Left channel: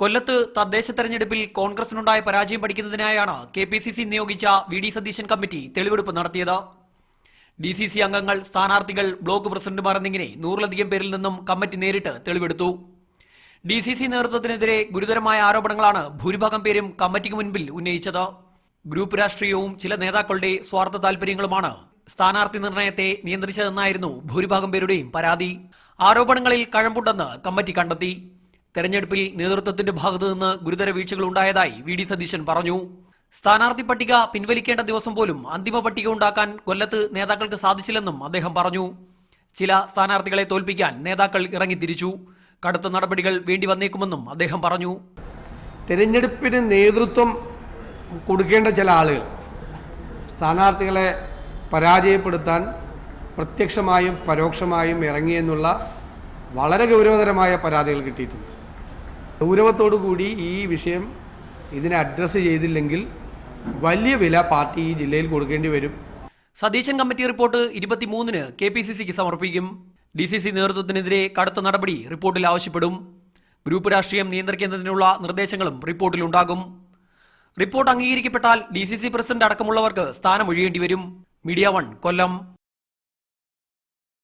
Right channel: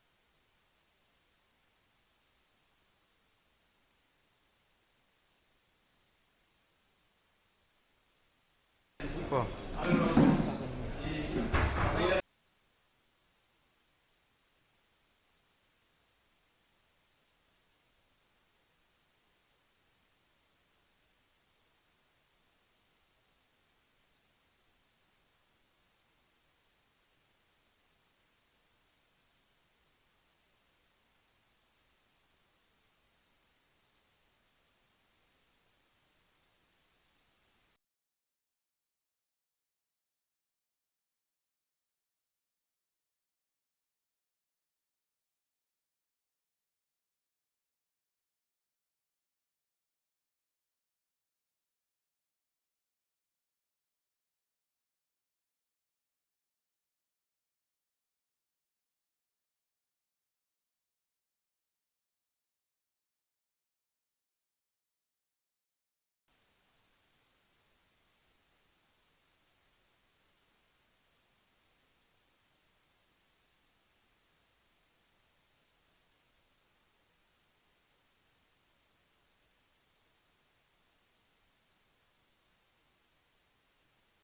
കൊല്ലത്ത് തദ്ദേശ തെരഞ്ഞെടുപ്പിൽ കോൺഗ്രസിനുണ്ടായ പരാജയം പഠിക്കുന്നതിനായാണ് കെപിസിസി നിയോഗിച്ച വി ഡി സതീശൻ കമ്മിറ്റി തെളിവെടുപ്പ് നടത്തിയത്. ഡിസിസി അംഗങ്ങൾ, സ്ഥാനാർത്ഥികൾ, ബ്ലോക്ക് പ്രസിഡന്റുമാർ എന്നിങ്ങനെ 100-ലധികം പേരിൽ നിന്നും കമ്മിറ്റി നേരിട്ട് തെളിവെടുത്തു. ഡിസിസി നേതൃത്വത്തിനെതിരെ ഗുരുതരമായ ആരോപണങ്ങളാണ് ഭൂരിഭാഗം പേരും കമ്മിറ്റിക്ക് മുൻപിൽ ഉന്നയിച്ചത്. ഗ്രൂപ്പ് രാഷ്ട്രീയവും ചില നേതാക്കളുടെ സ്വാർത്ഥ താൽപര്യങ്ങളുമാണ് സ്ഥാനാർത്ഥി നിർണയത്തെ നിയന്ത്രിച്ചതെന്നായിരുന്നു ഭൂരിഭാഗം പേരുടെയും പരാതി. ആരോപണങ്ങളിൽ കഴമ്പുണ്ടെന്ന് കമ്മിറ്റി കണ്ടെത്തി. തെരഞ്ഞെടുപ്പിൽ നേതൃത്വത്തിന്റെ ഭാഗത്തുനിന്ന് ഗുരുതര വീഴ്ചകൾ ഉണ്ടായതായി വി ഡി സതീശൻ പറഞ്ഞു. സ്ഥാനാർത്ഥി പട്ടിക പിൻവലിക്കേണ്ട ദിവസം പോലും അന്തിമ പട്ടിക ഉണ്ടാക്കാൻ കൊല്ലത്ത് നേതാക്കൾക്ക് സാധിച്ചില്ലെന്നും അദ്ദേഹം പറഞ്ഞു. ചില സ്ഥാനാർത്ഥികളെ തോൽപ്പിക്കാൻ നേതാക്കൾ ഇറങ്ങിത്തിരിച്ചു. കടുത്ത നടപടികൾ വേണ്ടി വന്നേക്കുമെന്നും അദ്ദേഹം പറഞ്ഞു. തെരഞ്ഞെടുപ്പിന് നേതൃത്വം കൊടുക്കേണ്ട ചില ആളുകൾ സ്ഥാനാർത്ഥികളെ പരാജയപ്പെടുത്താൻ പ്രത്യക്ഷമായും പരോക്ഷമായും ഇറങ്ങിയെന്നുള്ള വളരെ ഗൗരവതരമായ പരാതികൾ കിട്ടിയിട്ടുണ്ട്. ഗൗരവത്തോടുകൂടി ഈ വിഷയം ഇതിനെ അഡ്രസ്സ് ചെയ്തില്ലെങ്കിൽ വലിയ വില പാർട്ടി ഈ ജില്ലയിൽ കൊടുക്കേണ്ടി വരും. സതീശൻ കമ്മിറ്റി റിപ്പോർട്ട് 23-ന് കെപിസിസിക്ക് സമർപ്പിക്കും. ഡിസിസി നേതൃത്വത്തിനെതിരെ കടുത്ത നടപടി റിപ്പോർട്ടിൽ ആവശ്യപ്പെടും. ഗ്രൂപ്പ് രാഷ്ട്രീയം നിയന്ത്രിക്കുന്നതിനുള്ള നിർദ്ദേശങ്ങളും റിപ്പോർട്ടിലുണ്ടാകും. റിപ്പോർട്ട് അംഗീകരിക്കപ്പെട്ടാൽ ഡിസിസി പ്രസിഡന്റ് അടക്കമുള്ളവർക്ക് സ്ഥാനമൊഴിയേണ്ടി വരും. മീഡിയ 1 കൊല്ലം.